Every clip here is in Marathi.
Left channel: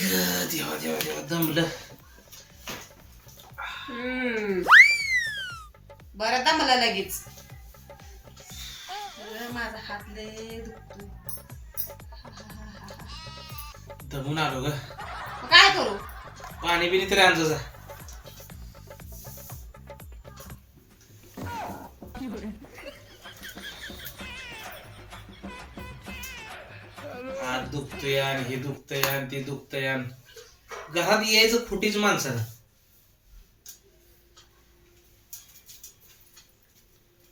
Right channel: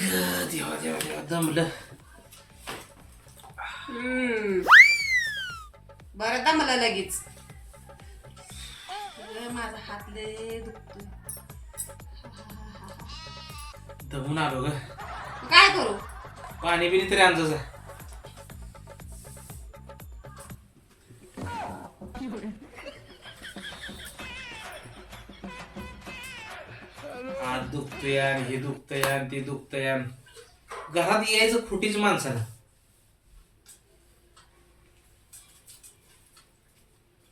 ग देवा देवा देवा दमलं. बरं दा मला लगेच. अगं, माझा हात लय दुखतो दमून आलो ग. काय करू? पाणी बिनी तरी आणजो जा. आणि हे दुखतंय आणि ते दुखतंय आणि घरात यायचं खोटीच माणसानं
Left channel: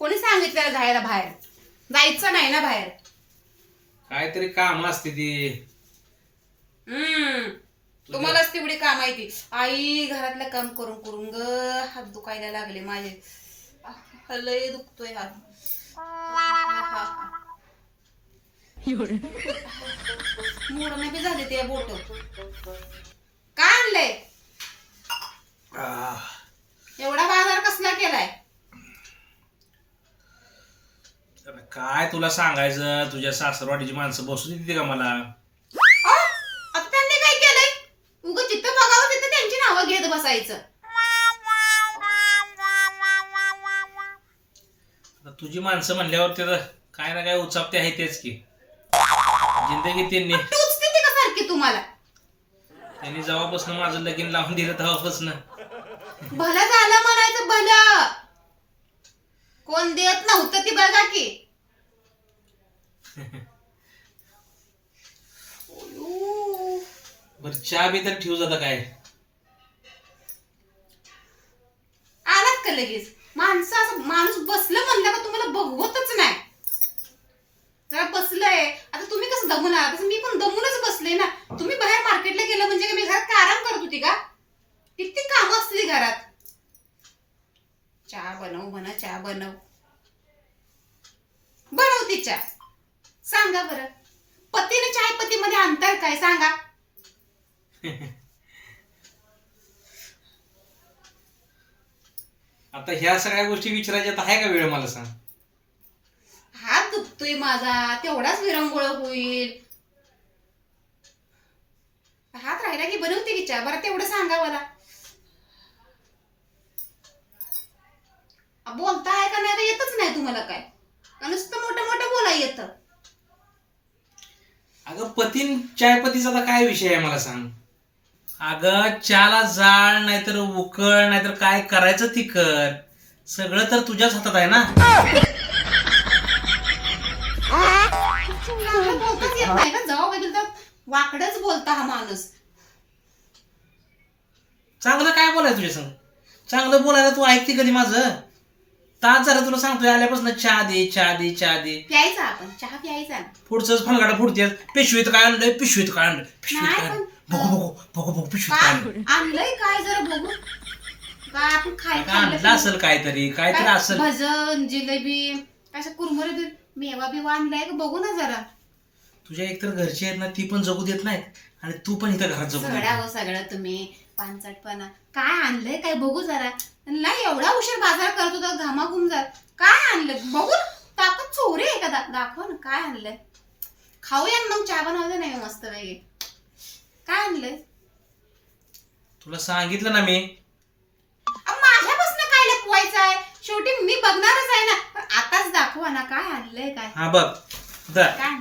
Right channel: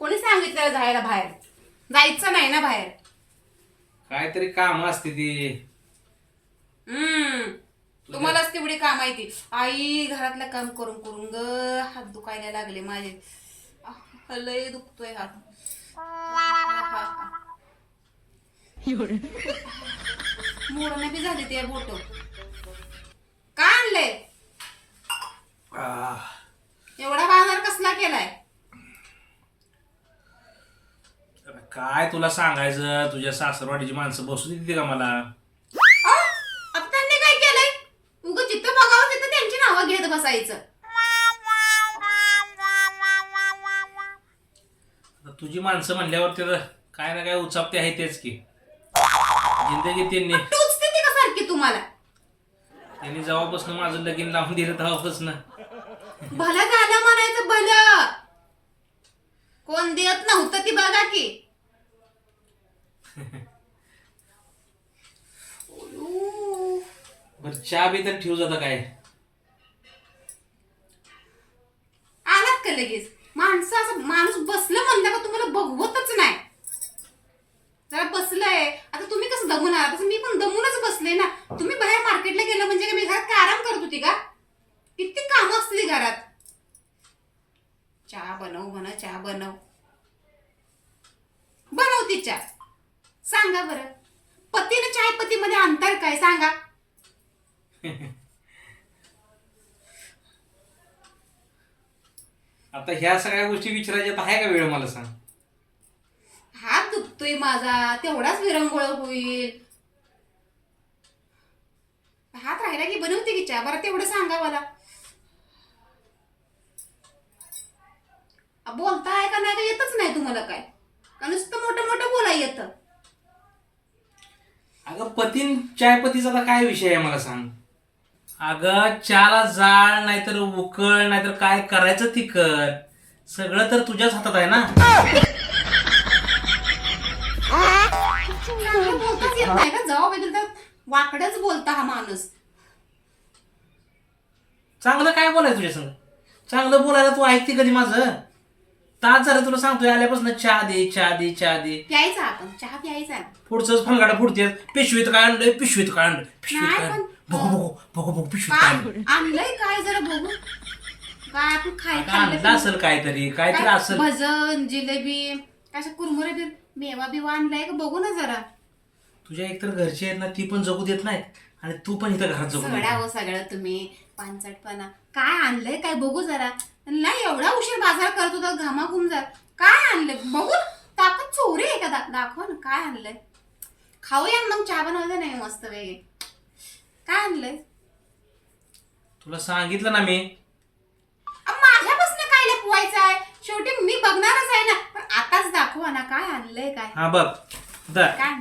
कोणी सांगितलं जायला बाहेर? जायचं नाही ना बाहेर. काहीतरी काम असते ती. हम्म. तुम्हालाच तेवढी काम आहे ती. आई घरातलं काम करून करून ग हात दुखायला लागले माझे. आह, लय दुखतोय हात मोडणे बी झाले ते बोट. का आणलंय? एवढा बाजार कसला केलाय? काय तुला सांगायचं? तुझ्या सासरवाडीची माणसं बसू देते का मला? आता त्यांनी काय केलंय? उग जिथं बघावं तिथं त्यांची नावं घेत बसायचं. आता तुझी माणसं म्हणल्यावर त्याचं काय ना काय उचापते आहे तेच की. जिंदगी त्यांनी ती तुम्हाला. त्यांनी जेव्हापासून माझं लगीन लावून दिलं तेव्हापासून. भलं झालं म्हणायचं भलं. कोण देत नव्हतं ती बघा की. बरं चहा बी तर ठेवू जाता काय? आलात का लगेच? माणसं असं माणूस बसलं म्हणलं का तुम्हाला बघवतच नाही. जरा बसलंय. आता तुम्ही कसं दमून आला तसं मी पण दमूनच बसले ना तुम्ही बाहेर मार्केटला गेलं म्हणजे काय मी घरात काय आराम करत होती का? किती कामं असली घरात? चहा बनव म्हणा चहा बनव. बनवती चहा. सांगा बरं. पतीने चाय पतीमध्ये अंतर काय? सांगा. आता ह्या सगळ्या गोष्टी विचारायच्या आहे का वेळ? मला सांग. हात दुखतोय माझा. तेवढाच विरंगुळ होईल हात राहिला की बनवते की चहा बरं तेवढं सांगा मला. बोलता आहे का नाही का येतच नाही तुम्हाला काय? का नुसतं मोठं मोठं बोला येतं? अगं पतीन चायपतीचा काय विषय आहे मला सांग? अगं चहाला जाळ नाहीतर उकळ नाहीतर काय करायचं ती कर सगळं तर तुझ्याच हातात आहे ना? बोलताच येत नाही का? जाऊ वगैरे तर वाकडच बोलता हा माणूस. चांगलं काय बोलाय तुझ्या संग? चांगलं बोलायला तू ऐकते कधी माझं? तास जरा तुला सांगतोय आल्यापासून चहा दे चहा दे चहा दे. प्यायचा आपण चहा प्यायचा. ना पुढचंच फनगाडा फुडते पिशवीत काय आणलंय? पिशवीत काय आणलंय? पिशवीत नाही काय आणलंय? पण- बघू बघू बघू बघू पिशवीत काय आणलंय काय आणलंय? काय जरा बघू. काय आपण काय आणलं असेल काहीतरी काहीतरी असेल. भजन जिलेबी काय कुरमुरे बी मेवा बिवा आणलाय का? बघू ना जरा. तुझ्या एकतर घरची आहेत ना ती पण जगू देत नाहीत. आणि तू पण इथं घरात जगू देत नाही. सगळ्यावर सगळं तुम्ही. पानसटपणा काय आणलंय काय बघू जरा. नाही एवढा उशीर बाजार करत होता घामा घुमजार काय आणलंय? बघू. ताकद चोरी आहे का? दा- दाखवा ना काय आणलंय? खाऊया मग चहा बनवते नाही मस्त वेगळे काय आणलंय? तुला सांगितलं ना मी. माझ्यापासून काय लपवायचं आहे? शेवटी मी बघणारच आहे ना. पण आताच दाखवा ना काय आणलंय काय? हा बघ काय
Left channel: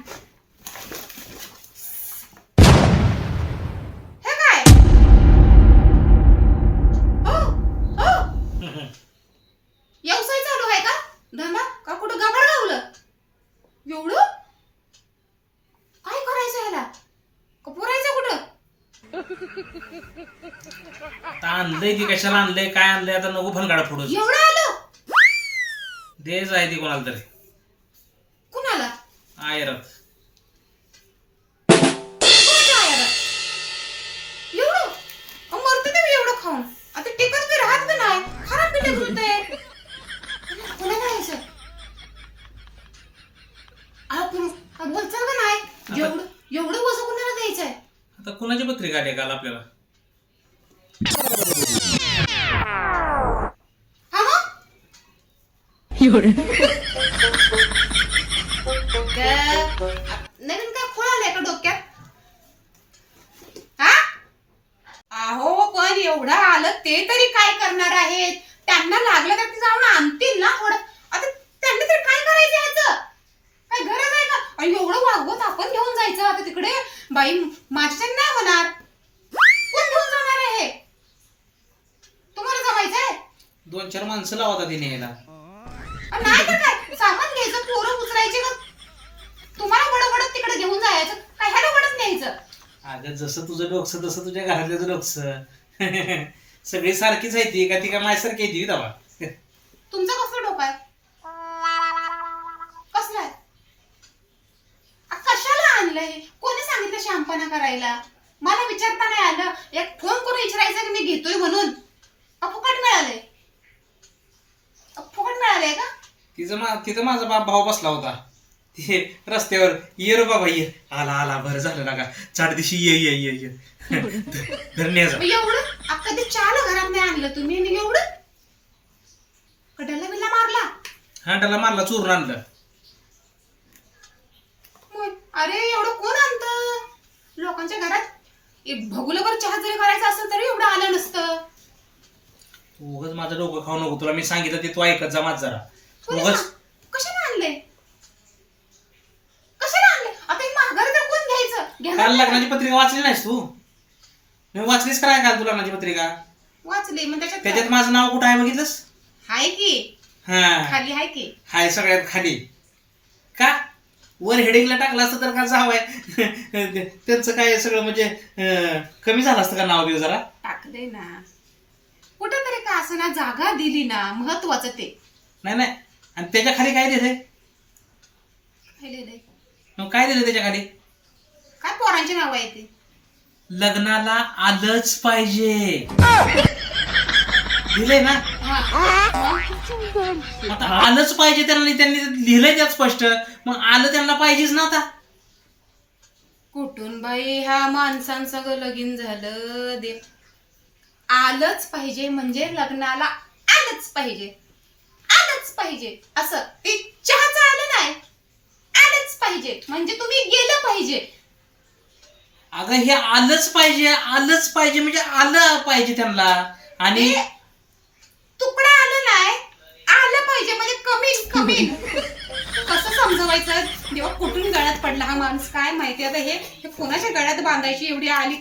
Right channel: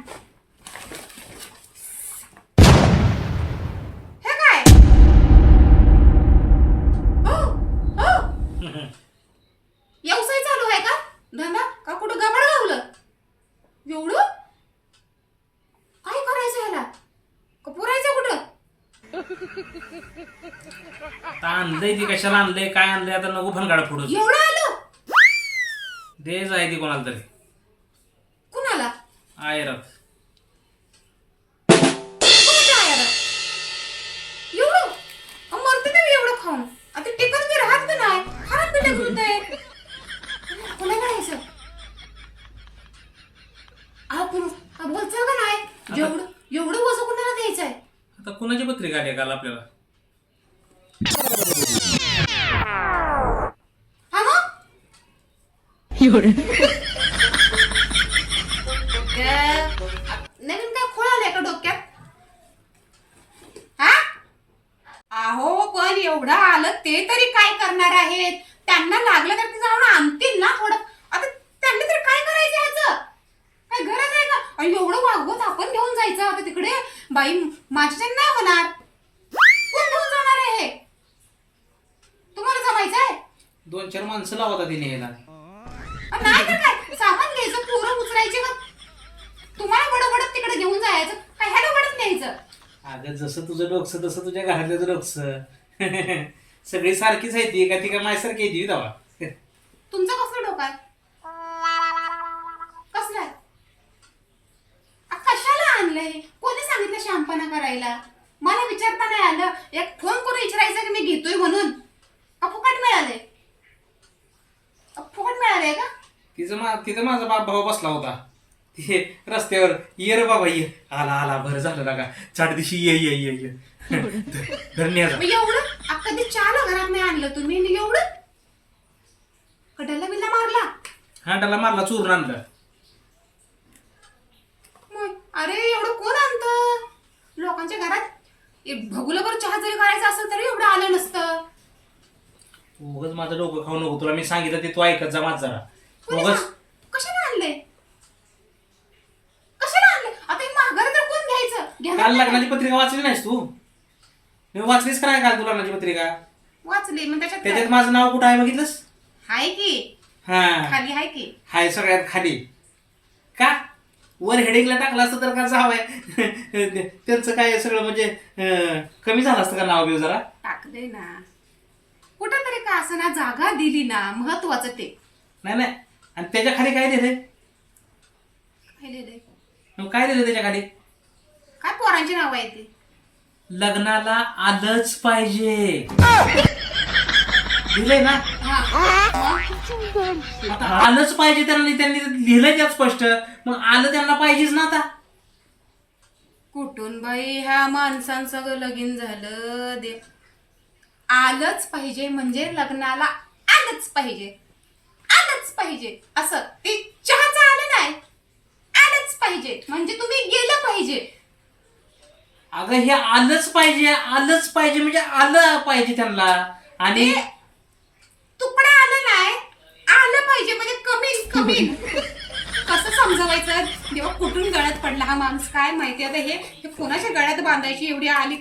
हो हो व्यवसाय चालू आहे का धंदा का कुठं गबाळ गावलं एवढं काय करायचं ह्याला का पुरायचं कुठं आता आणलंय की कशाला आणलंय काय आणलंय आता नको फनगाडा फोडू एवढं आलं? देच आहे ती कोणाला तरी. कुणाला? आयरात कोणाच्या आयाला? एवढं? अहो, मरते ना मी एवढं खाऊन. आता टिकत राहत बी नाही. खराब बी होते कोणा करायचं आपण बोलचाल का नाही? एवढं एवढं वजन कुणाला द्यायचंय? आता कुणाची पत्रिका आली काल आपल्याला? नवीन काय का डोक्यात अहो पण एवढं आलं ते तरी काय करणार आहेत? त्यांना लागलं तर ते जाऊन आणतील ना थोडं. आता त्यांनी तरी काय करायचं याचं? काय गरज आहे का? आणि एवढं वागवत आपण घेऊन जायचं. आता तिकडे बाई माझ्या नाही होणार. कोण घेऊन जाणार आहे तुम्हाला जमायचं आहे दोन चार माणसं लावतात तिने याला नाही तर काय? सामान घ्यायचं पोरं उचलायचे का? तुम्हाला बडबडत तिकडे घेऊन जायचं. काय ह्याला बडत न्यायचं? अगं जसं तुझं डोकसं तसं तुझ्या घरातल्याचं डोकसं. सगळी सारखीच आहे ती. का ती का माझ्यासारखी आहे ती दवा तुमचं कसलं डोकं आहे? कसलं आहे? आ, कशाला आणलंय? कोणी सांगितलं शहाणपणा करायला? मला विचारता नाही आलं. एक फोन करून विचारायचं की मी घेतोय म्हणून. का फुकट मिळालंय. अ, फुकट मिळालंय का? तिचं मा तिथं माझा बाप भाऊ बसला होता. ते रस्त्यावर ये रे बाबा ये. आला आला बरं झालं ना का? चार दिवशी ये ये ये ये. मग एवढं? चाल घरात नाही आणलं तुम्ही आणि एवढं? कटरला बिल्ला मारला? हांडाला मारला चोरून आणलं. मग अरे एवढं कोण आणतं? लोकांच्या घरात एक भगुलभर चहा जरी करायचा असेल तरी एवढं आलं नसतं. उगच माझं डोकं खाऊ नको. तुला मी सांगितलं ते तू ऐकत जा माझ जरा. उगच कशाला आणले कशाला आणले आता हे माघार तर कोण घ्यायचं? काल लग्नाची पत्रिका वाचली नाहीस तू? मी वाचलीस का नाही काल तू लग्नाची पत्रिका? वाचली. मग त्याच्यात त्याच्यात माझं नाव कुठं आहे बघितलंस? हाय की. हा. खाली हाय की. हाय सगळ्यात खाली. का? वर हेडिंगला टाकलं असतं तर का जावंय त्यांचं काय सगळं म्हणजे अं, कमी झालं असतं का नाव बिव जरा? टाकले ना. कुठं तरी का असं ना जागा दिली ना महत्वाचं ते. नाही नाही. आणि त्याच्याखाली काय दिलंय काय लिहिलंय? मग काय दिलं त्याच्याखाली? काय पोरांची नाव आहे ते? लग्नाला आलंच पाहिजे. दिलंय ना? आता आलंच पाहिजे त्यांना त्यांनी लिहिलंय त्यात स्पष्ट. मग आलं त्यांना पाहिजेच ना आता. कुठून बाई ह्या माणसांसगळं लगीन झालं? दे. आलंच पाहिजे म्हणजे लग्नाला आलंच पाहिजे. आलंच पाहिजे. असं. ते चहाचं आलं नाही. आलंच पाहिजे. म्हणजे तुम्ही गेलं पाहिजे. अगं हे आलंच पाहिजे. आलंच पाहिजे म्हणजे आलं पाहिजे त्यांना. आणि तुकडा आलं नाही. आलं पाहिजे म्हणजे कमी कमी कसं समजवायचं? जेव्हा कुठून गळ्यात पडला हा माणूस? काय माहिती? आता हे हे कोणाच्या गळ्यात बांधायची एवढी आली?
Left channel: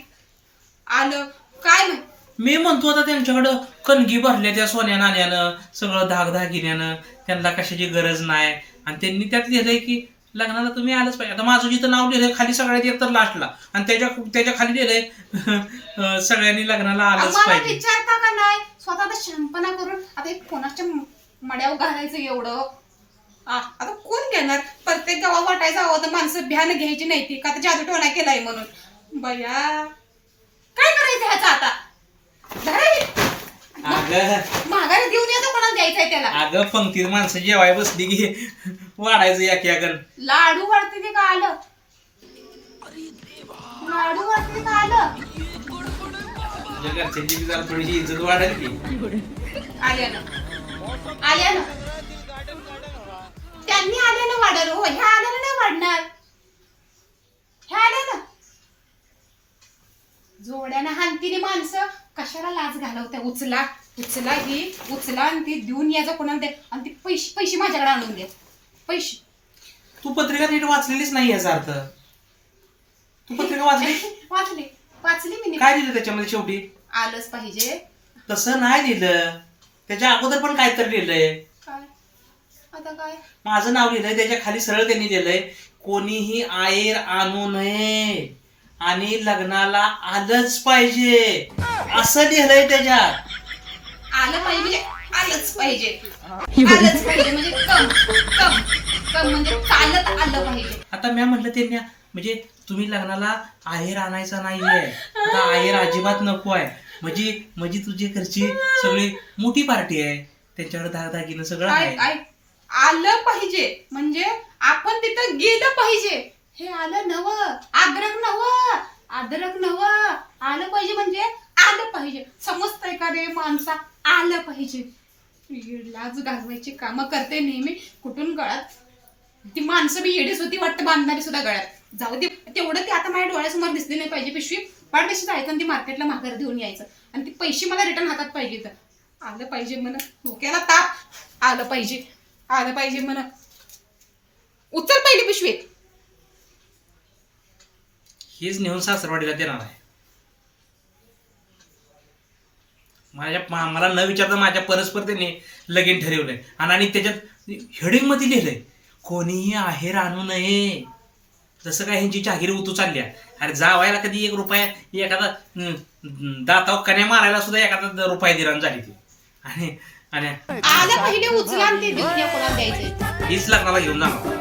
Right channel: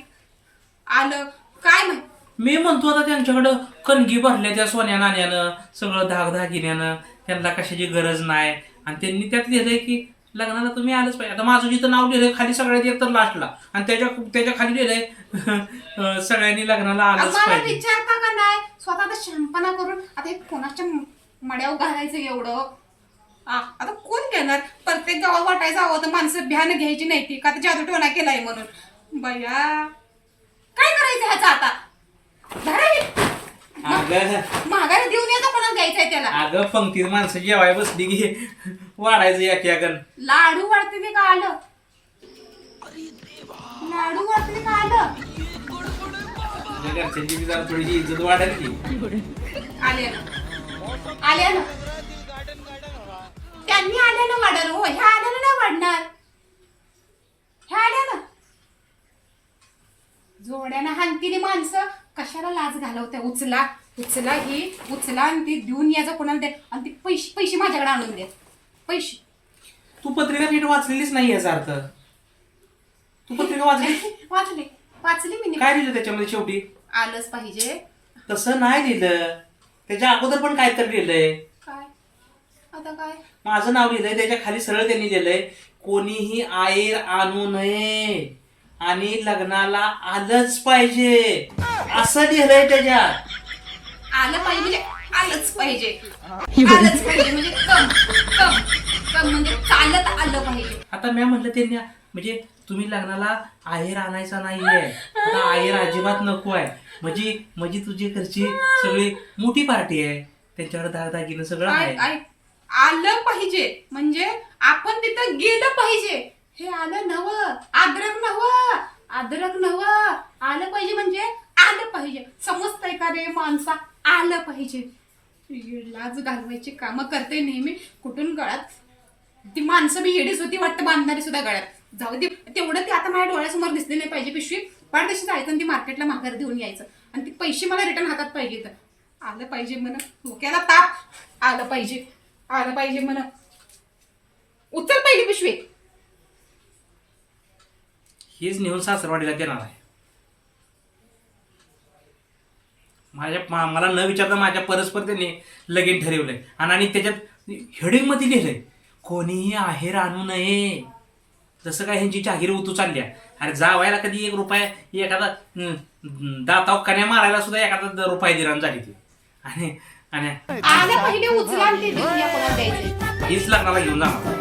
आलं. काय माहिती? मी म्हणतो आता त्यांच्याकडं कणगी भरल्या त्या सोन्या नाण्यानं सगळं धागधागिन्यानं त्यांना कशाची गरज नाही. आणि त्यांनी त्यात लिहिलंय की लग्नाला तुम्ही आलंच पाहिजे. आता माझं जिथं नाव लिहिलंय खाली सगळ्यात एक तर लास्टला आणि त्याच्या त्याच्याखाली लिहिलंय सगळ्यांनी लग्नाला आलंच आम्हाला पाहिजे. विचारता का नाही? स्वतः आता शहाणपणा करून आता हे कोणाच्या मड्यावर घालायचं एवढं? आ, आता कोण घेणार? प्रत्येक गावात वाटायचं हवं तर माणसं भ्यान घ्यायची नाही ती. का आता जादू टोना केलाय म्हणून? बया काय करायचं ह्याचं आता. अगं. माघारी देऊन येतो कोणाला द्यायचंय त्याला. अगं पंक्तीत माणसं जेवाय बसली की वाढायचं एक याकन लाडू वाढते ते का आलं? लाडू वाढते का आलं? तुझ्या घरच्यांची बी जरा थोडीशी इज्जत वाढेल की. आल्या ना. आल्या ना. त्यांनी आलेलं वाढेल हो ह्या आलेलं नाही वाढणार. ह्या आल्या ना. जोड्यानं हानतीने माणसं. कशाला लाज घालवत्या उचला उचला ही उचला आणि ती देऊन यायचं कोणाला द्या आणि ती पैसे पैसे माझ्याकडे आणून द्या पैसे तू पत्रिका नीट वाचलेलीच नाही याचा अर्थ. तू पत्रिका वाचली? वाचले. वाचली मी नीट. काय लिहिलं त्याच्यामध्ये शेवटी? आलंच पाहिजे. तसं नाही लिहिलं त्याच्या अगोदर पण काय तर लिहिलंय. काय? आता काय? माझं नाव लिहिलंय त्याच्याखाली सरळ त्यांनी लिहिलंय कोणीही आयर आणू नये. आणि लग्नाला आलंच पाहिजे. असं लिहिलंय त्याच्यात. आलं पाहिजे आलंच पाहिजे. आलंच पाहिजे म्हणजे कम कम कम म्हणजे चालत आलं पाहिजे. आता मी म्हटलं त्यांनी म्हणजे तुम्ही लग्नाला आहेर आणायचा नाहीये. आता आहेर अजिबात नको आहे. म्हणजे म्हणजे तुझी घरची सगळी मोठी पार्टी आहे. त्यांच्याकडे दागदागिनं सगळं काय आहे. काय आलं पाहिजे. म्हणजे आपण तिथं गेलं पाहिजे. हे आलं नव. अद्रक नव. अद्रक नव. आलं पाहिजे म्हणजे आलं पाहिजे. समजतंय का रे माणसा? आलं पाहिजे. लाज घालवायची कामं करते नेहमी. कुठून गळ्यात ती माणसं बी येडीच होती वाटतं बांधणारी सुद्धा गळ्यात जाऊ दे. तेवढं ते आता माझ्या डोळ्यासमोर दिसली नाही पाहिजे पिशवी. पण कशी जायचं आणि ती मार्केटला माघार देऊन यायचं. आणि ती पैसे मला रिटर्न हातात पाहिजे तर आलं पाहिजे म्हणा. डोक्याला ताप. आलं पाहिजे. आलं पाहिजे म्हणा. उचल पहिली पिशवी. हीच नेऊन सासरवाडीला देणार आहे. माझ्या मा- मला न विचारता माझ्या परस्पर त्यांनी लगीन ठरवलंय. आणि त्याच्यात हेडिंगमध्ये लिहिलंय कोणीही आहेर आणू नये. जसं काय ह्यांची जाहीर उतू चालल्या अरे जावायला कधी एक रुपया एखादा दाताव कण्या मारायला सुद्धा एखादा रुपया दिरान झाली ती. आणि आणि हीच लग्नाला घेऊन जाणार.